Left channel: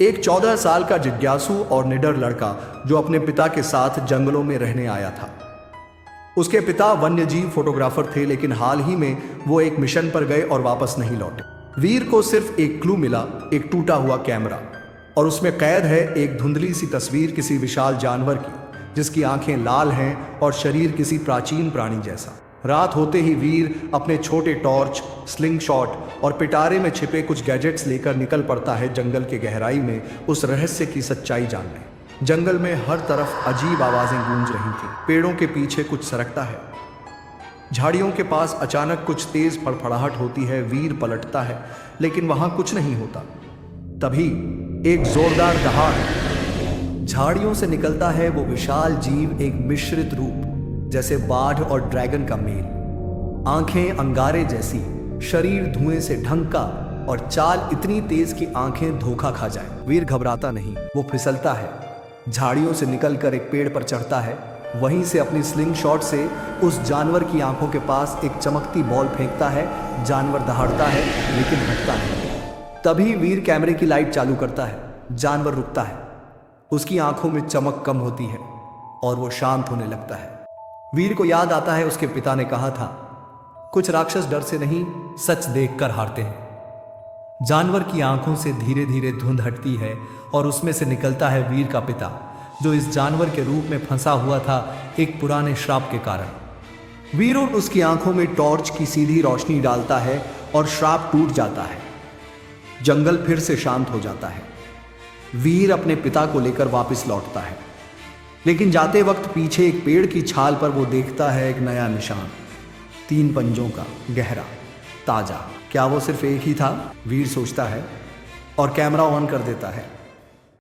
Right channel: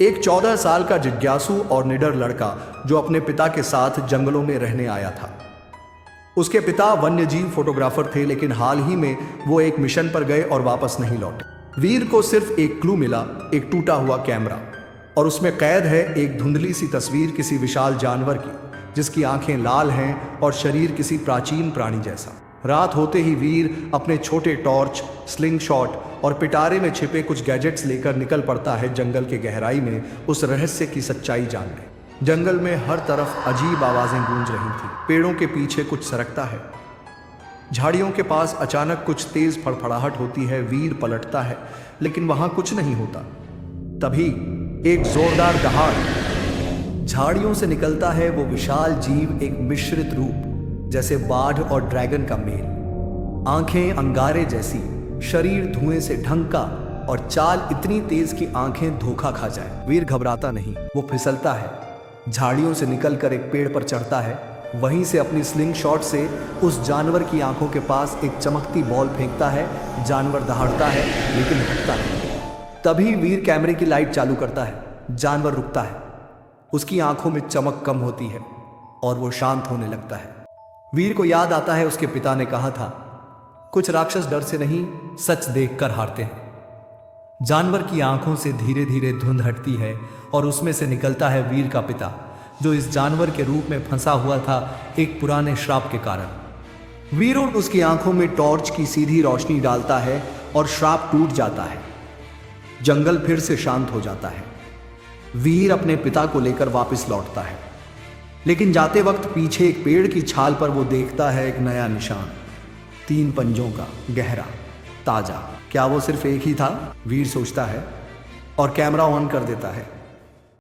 एक 14 साल का जिज्ञासु और निडर लड़का जो अपने पिता के साथ जंगलों में रहने आया था। उसके पिता वन्यजीव फोटोग्राफर थे, लेकिन हाल ही में वो एक मिशन पर गए और वापस नहीं लौटे। वीर को सिर्फ एक क्लू मिला, एक टूटा हुआ कैमरा, और उसमें कैद है एक धुंधली सी तस्वीर किसी विशाल जानवर की, जिसकी आंखें लाल हैं और शरीर किसी प्राचीन प्राणी जैसा। रात होते ही वीर अपने छोटे टॉर्च, स्लिंग शॉट और पिटारे में छिपे कुछ गैजेट्स लेकर निकल पड़ता है जंगल के गहराई में उस रहस्य की सच्चाई जानने। जंगल में हर तरफ अजीब आवाजें गूंज रही थी। पेड़ों के पीछे कुछ सरकता है, झाड़ियों के पास अचानक कुछ तेज फड़फड़ाहट होती है। वीर पलटता है, लेकिन वहां कुछ नहीं होता। तभी एक जोरदार दहाड़, झाड़ियों से निकलता है वो विशाल जीव, एक मिश्रित रूप जैसे बाढ़ और ड्रैगन का मेल। आंखें अंगारे जैसी, शरीर धुएं से ढंका और चाल इतनी तेज कि आंखें धोखा खा जाए। वीर घबराता नहीं, वो फिसलता है, झाड़ियों से निकलकर एक पेड़ पर चढ़ता है। वहीं से अपनी स्लिंग शॉट से उस जानवर की आंखों के पास एक चमकती बॉल फेंकता है। जानवर दहाड़ता है, लेकिन रुकता है। तभी वीर कैमरे की लाइट चालू करता है। जानवर रुकता है, उसकी आंखों में चमक कम होती है और वो शांत होने लगता है। वीर को याद आता है उसके पिता ने कहा था, कुछ राक्षस डर से नहीं, सच देखकर हारते हैं। जानवर की आंखों से धीरे धीरे धुंध हटती है और उसमें से निकलता है वीर का पिता, जो इस जानवर के रूप में फंसा हुआ था एक पुराने श्राप के कारण। वीर उसकी आंखों में टॉर्च की सीधी रोशनी डालता है और श्राप टूट जाता है। जंगल फिर से शांत हो जाता है। वीर अपने पिता को लेकर वापस लौटता है, लेकिन जाते वक्त पीछे एक पेड़ की छाल पर वो देखता है एक नया निशान, 3 पंजों का, गहरा, ताजा। क्या वो सिर्फ एक ही था? वीर सोचता है और कैमरा ऑन कर देता है।